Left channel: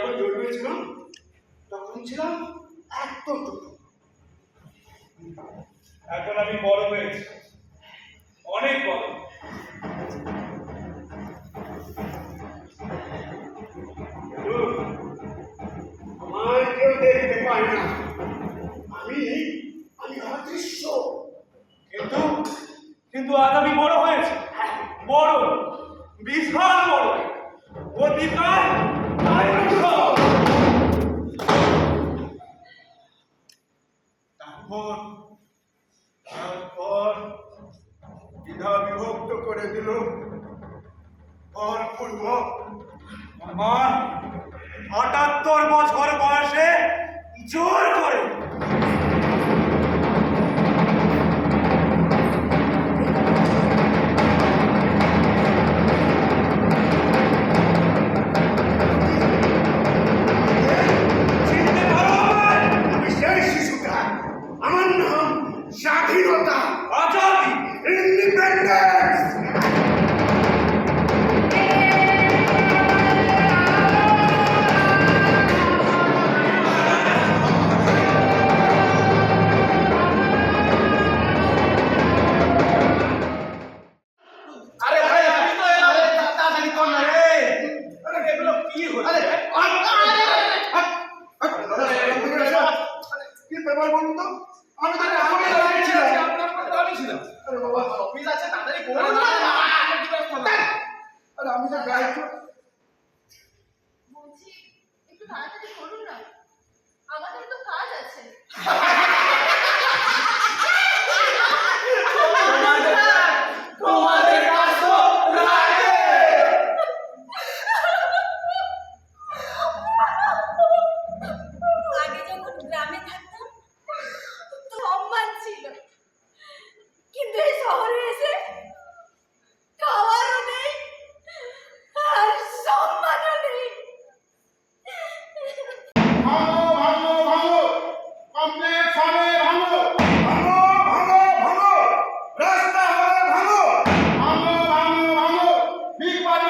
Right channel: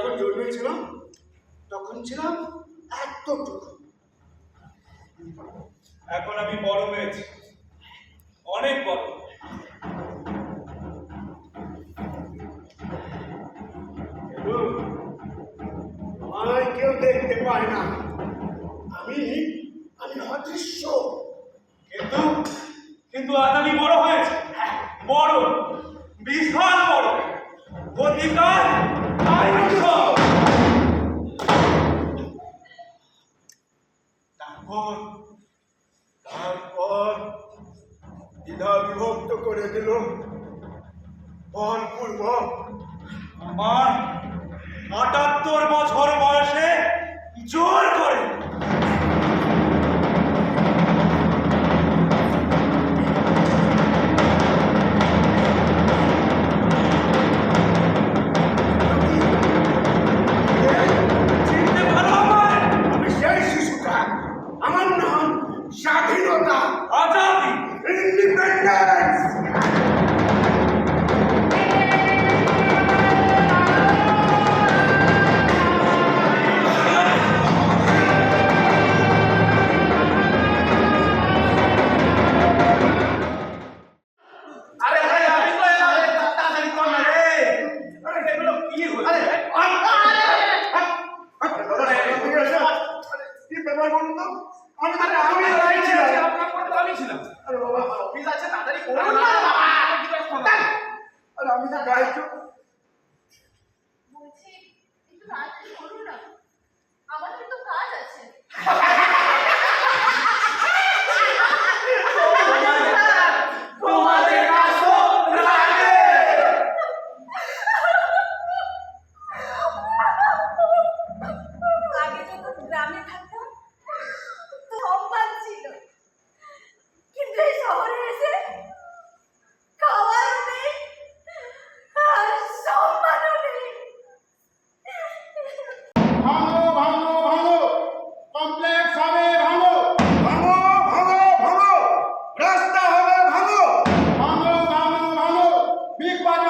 যখন জন্মেছিলাম তখন ছিলাম এতটুকু। এখন আমি বড় হয়েছি, অনেক বড়। আমায় কেউ দেখতে পায় না, আমি আমি অদৃশ্য। কিন্তু কিন্তু আজ আমি বড় হয়েছি, বড়, বিশাল বড়, অধিকার ডাইনোসর। তারপর দ্বিধা বিভক্ত করে দিল বলপূর্বক। আমার ৭৮ বছর বয়সে জোর করে চিনতে পারো আমায়? আমি সেই শিশুটা, আমার নাম স্বাধীনতা, আজাদি। ইন্ডিপেন্ডেন্স। আরে ভাই তাড়াতাড়ি কর না রে। আরে এগুলো কি হচ্ছে? কি ব্যাপার বলুন তো? আমি তো আমি আমি ছিলাম। আপনার পর তো আমি ছিলাম। আরে বাবা, অফিস আছে, তাড়াতাড়ি করুন না। আরে আমি তো গাইড। বলছি একটু তাড়াতাড়ি করুন না, আমাদের তো কাজ আছে। তোমাদের কাজ তো রাতে। আগে যখন গ্রামে থাকতাম তো সম্মান ছিল, কিন্তু এই শহরে এসে খাওয়ারও নেই আর সম্মানও নেই। ভাঙো ভাঙো ভাঙো, কমপ্লেক্স হবে ভাঙো, ভাঙো ভাঙো ভাঙো, রাস্তা হবে ভাঙো, ভাঙো ভাঙো ভাঙো, বিগ বাজার